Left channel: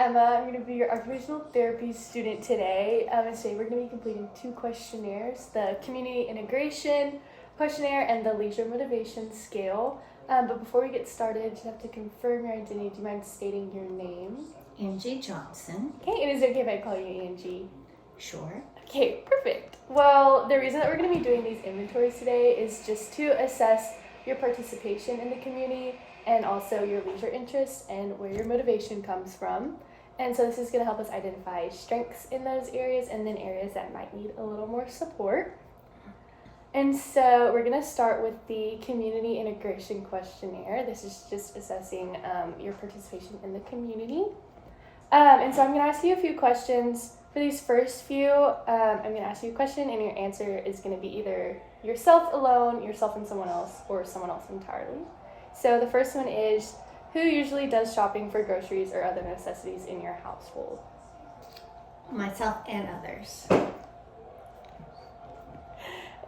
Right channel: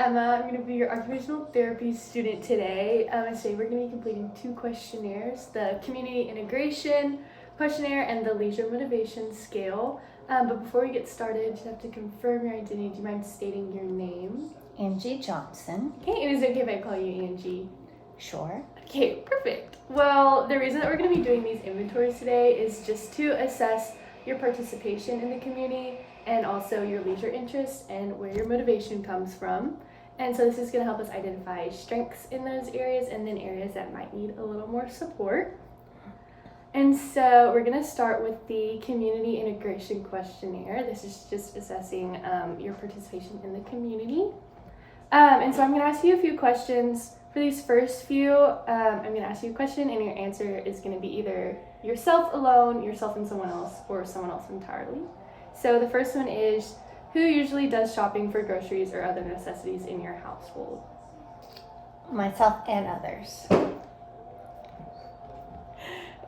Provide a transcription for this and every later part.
Emma. I'm going to be your occupational therapy student today. And today we're going to be completing 2 questionnaires, the Community Integration Questionnaire and the Leisure Motivation Scale. But before we get started, you have to confirm your identity. Do you mind stating your name? Angie Johnson. Okay, and is it okay if I call you Angie? Sure. Okay, perfect. Well, the reason that we're going to be doing these inventories today is just to assess your participation in the community and also your leisure interests and where your motivation comes from. And so this is going to help us identify strengths in those areas and then areas that might need a little more support. And so we're going to start with the Community Integration Questionnaire. This is just assessing your participation in the community. And so I'm going to ask you a few questions. For these first few, I'm going to ask you a question and your answer is going to be either yourself alone, yourself and someone else, or someone else entirely. So the first one is, who usually does shopping for groceries or other necessities in your household? Myself and others.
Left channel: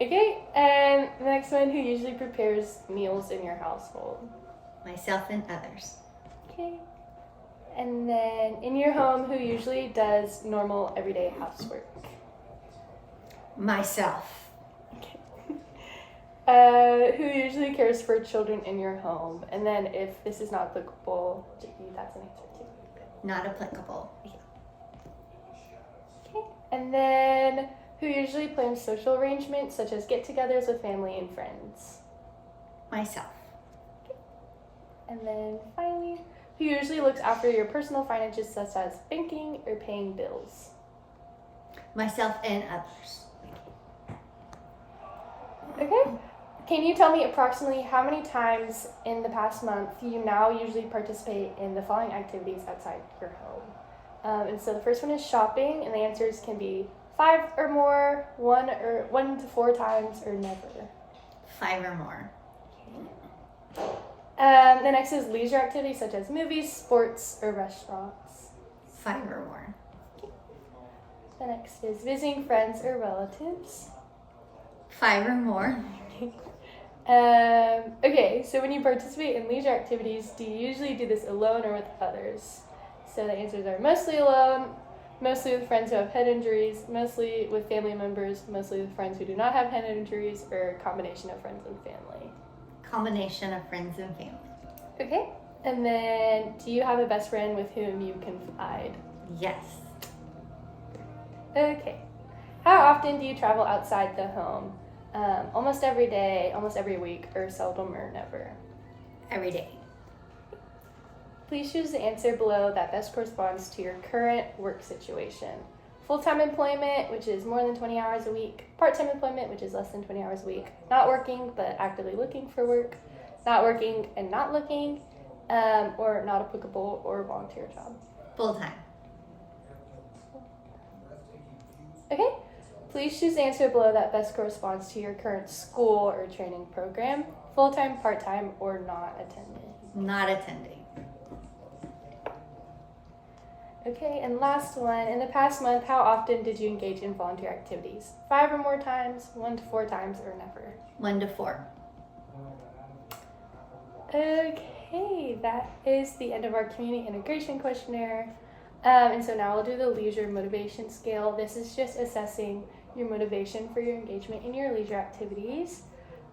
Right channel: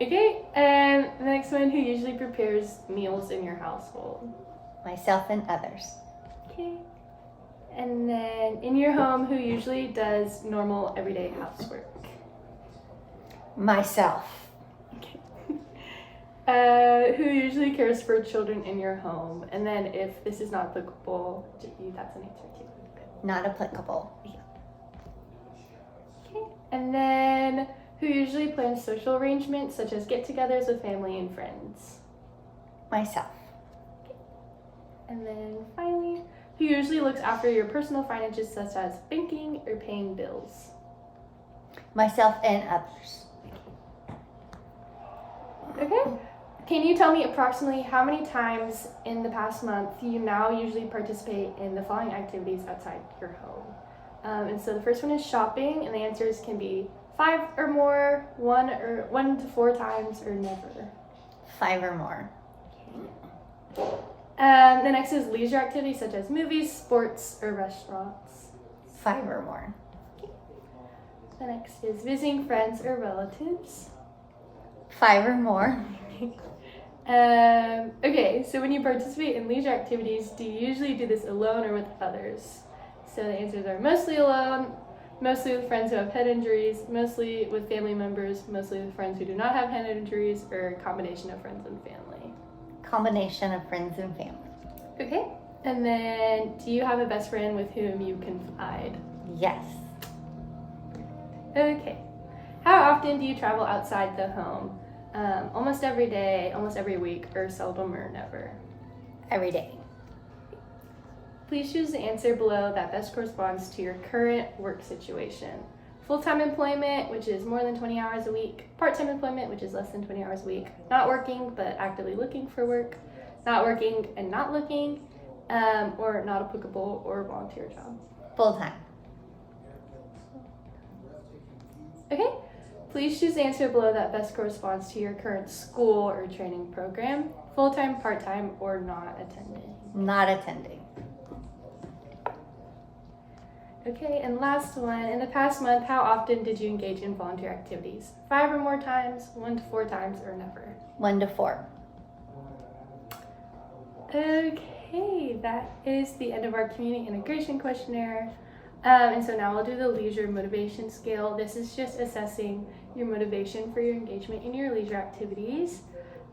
Okay, and the next one, who usually prepares meals in your household? Myself and others. Okay. And then in your home, who usually does normal everyday housework? Myself. Okay. Who usually cares for children in your home? And then if this is not applicable to you, that's an answer too. Not applicable. Okay. And then who usually plans social arrangements such as get-togethers with family and friends? Myself. Okay. And then finally, who usually looks after your personal finances such as banking or paying bills? Myself and others. Okay. Can you tell me approximately how many times in the past month you now usually participate in the following activities outside your home? And so the first one is shopping, and the answers can be 5 or more, 1 to 4 times, or never. 5 or more. The next is leisure activities such as movies, sports, or restaurants. 5 or more. The next is visiting friends or relatives. 5 or more. Okay, so when you participate in leisure activities, do you usually do this alone or with others? So the answers are mostly alone, mostly with friends who have head injuries, mostly with family members, mostly with friends who do not have head injuries, or a combination of friends and family. Combination of friends and family. Okay, and then do you have a best friend with whom you confide? Yes. Okay, how often do you travel outside the home? Almost every day, almost every week, or seldom or never? Every day. Please choose the answer below that best corresponds to your current work situation. Full-time employment, which is more than 20 hours a week. Part-time employment, which is less than 20 hours a week. Not working, but actively looking for work. Not working and not looking. Or not applicable or volunteer job. Full-time. Okay. Please choose the answer below that best corresponds to your current school or training program. Full-time, part-time, or not attending. Not attending. Okay, and last one. In the past month, how often did you engage in volunteer activities? 5 or more times, 1 to 4 times, or never? 1 to 4. Okay, that is the end of our community integration questionnaire. And so now we'll do the leisure motivation scale. This is just assessing your motivation for your engagement in your leisure activities.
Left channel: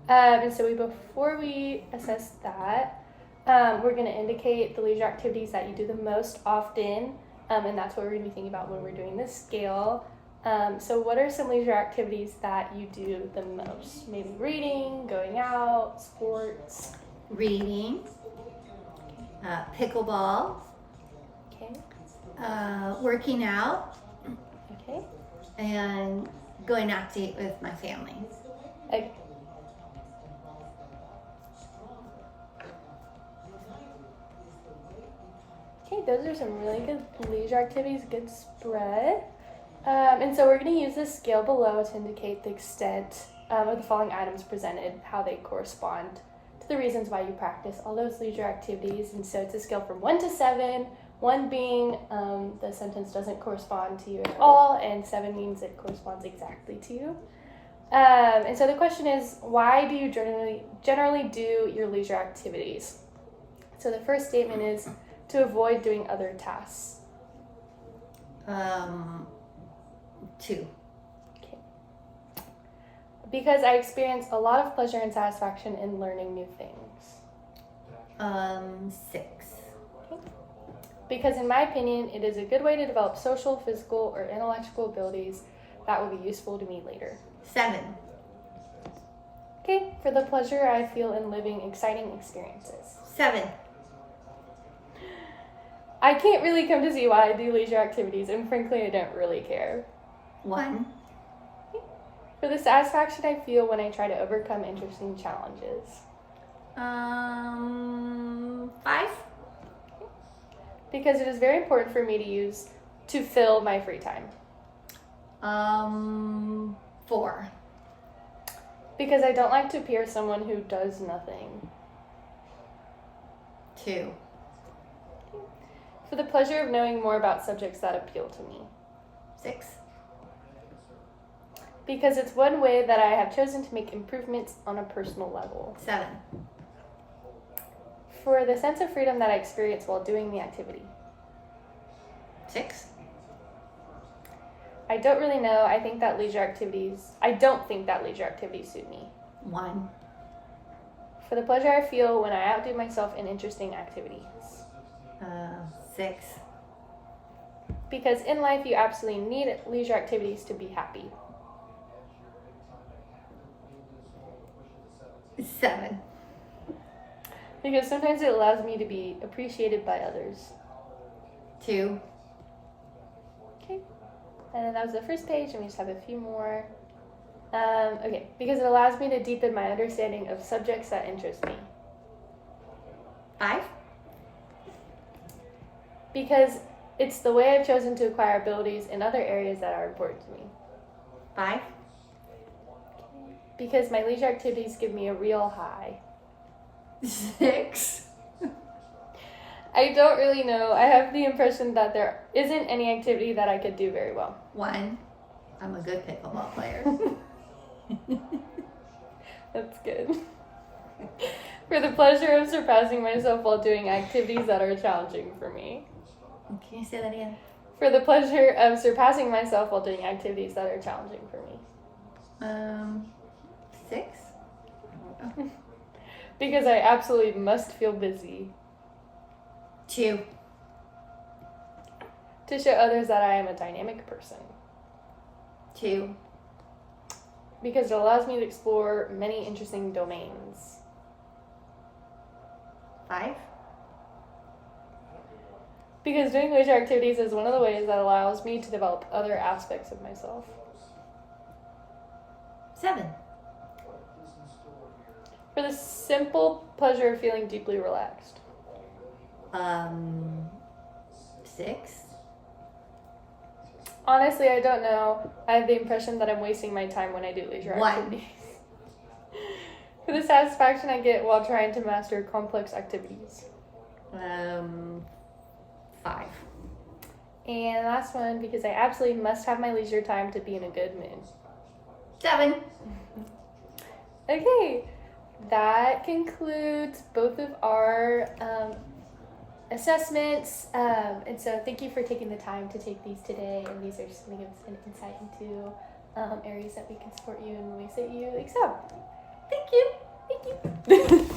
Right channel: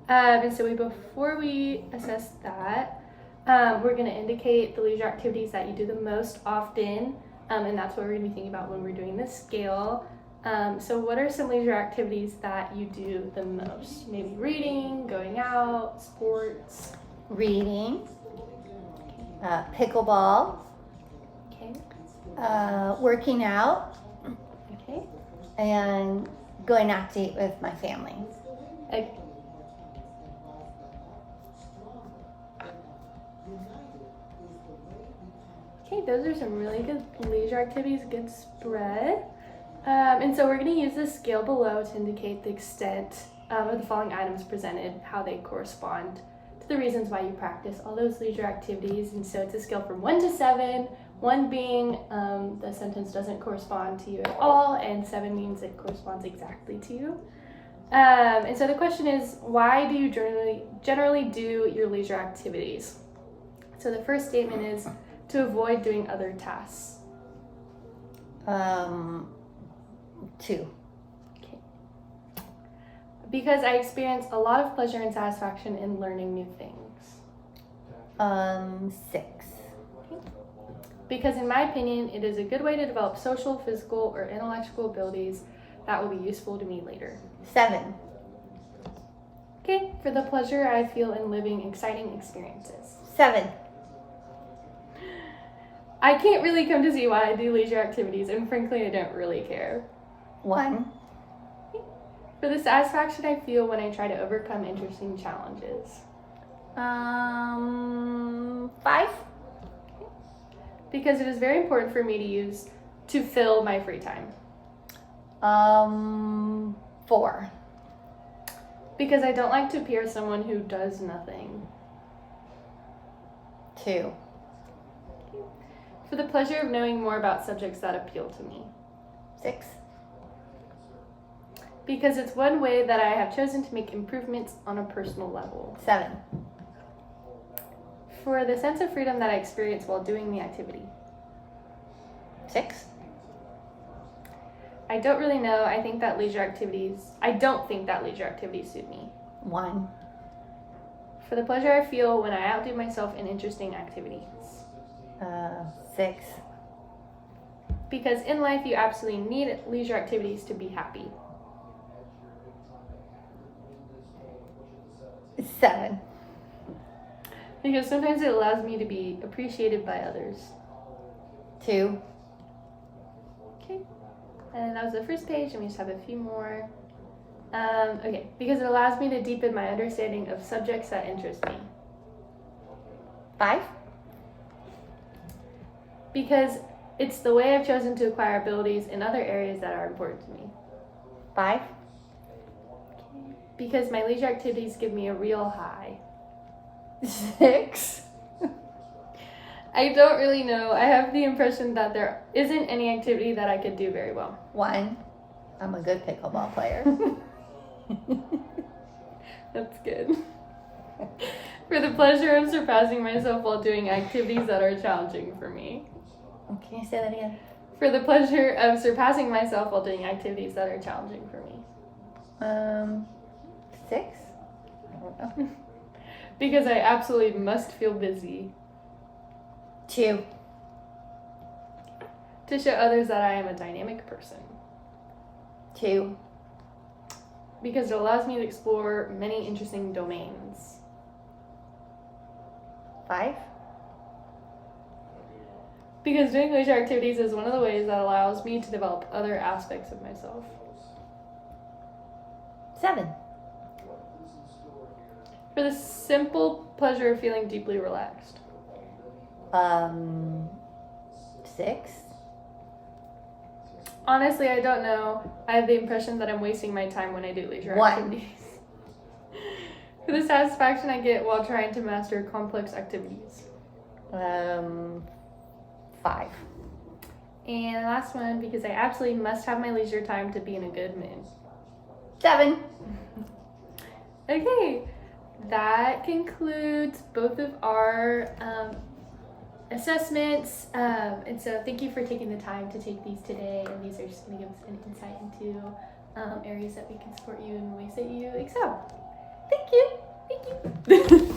And so before we assess that, we're going to indicate the leisure activities that you do the most often. And that's what we're going to be thinking about when we're doing this scale. So what are some leisure activities that you do the most? Maybe reading, going out, sports. Reading. Pickleball. Okay. Working out. Okay. And going out to eat with my family. Okay. Okay, those are some really good leisure activities, good spread. And so we're going to use this scale below to indicate the extent of the following items presented, how they correspond to the reasons why you practice all those leisure activities. And so it's a scale from 1 to 7, 1 being the sentence doesn't correspond to you at all, and 7 means it corresponds exactly to you. And so the question is, why do you generally do your leisure activities? So the first statement is to avoid doing other tasks. 2. Because I experience a lot of pleasure and satisfaction in learning new things. 6. Because in my opinion, it is a good way to develop social, physical, or intellectual abilities that will be useful to me later. 7. Okay, for the pleasure I feel in living exciting experiences. 7. I can't really come to see why I do leisure activities, and frankly, I don't really care. 1. For the satisfaction I feel when I try to overcome interesting challenges. 5. Because it is very important for me to use to fill my free time. 4. Because I don't like to appear as someone who does nothing. 2. For the pleasure of knowing more about subjects that appeal to me. 6. Because it's one way that I have chosen to make improvements on a personal level. 7. For the sense of freedom that I experience while doing the activity. 6. I don't really know. I don't think that leisure activities suit me. 1. For the pleasure I feel when I outdo myself in interesting activities. 6. Because in life you absolutely need leisure activities to be happy. 7. Because sometimes it allows me to be appreciated by others. 2. Okay. And that was the first page, and we just have a few more. Okay. Because it allows me to deepen my understanding of subjects that interest me. 5. Because it's the way I've chosen to acquire abilities in other areas that are important to me. 5. Because my leisure activities give me a real high. 6. I don't really know. I have the impression that there isn't any activity that I could do very well. 1. I'm a good pickleball player. That's good. For the pleasure of surpassing myself while doing activities that are challenging for me. Can you say that again? For the pleasure of surpassing myself while doing activities that are challenging for me. 6. I don't know. Because I absolutely must feel busy. 2. To show others that I am a dynamic person. 2. Because it allows me to explore many interesting domains. 5. Because doing leisure activities is one of the ways that allows me to develop other aspects of myself. 7. For the simple pleasure of feeling deeply relaxed. 6. Honestly, I don't know. I have the impression that I'm wasting my time when I do leisure 1. activities. For the satisfaction I get while trying to master complex activities. 5. And the last one, because I absolutely must have my leisure time to be in a good mood. 7. Okay, that concludes both of our assessments. And so thank you for taking the time to take these today. And these are just going to give us an insight into areas that we can support you in ways that you excel. Thank you. Thank you.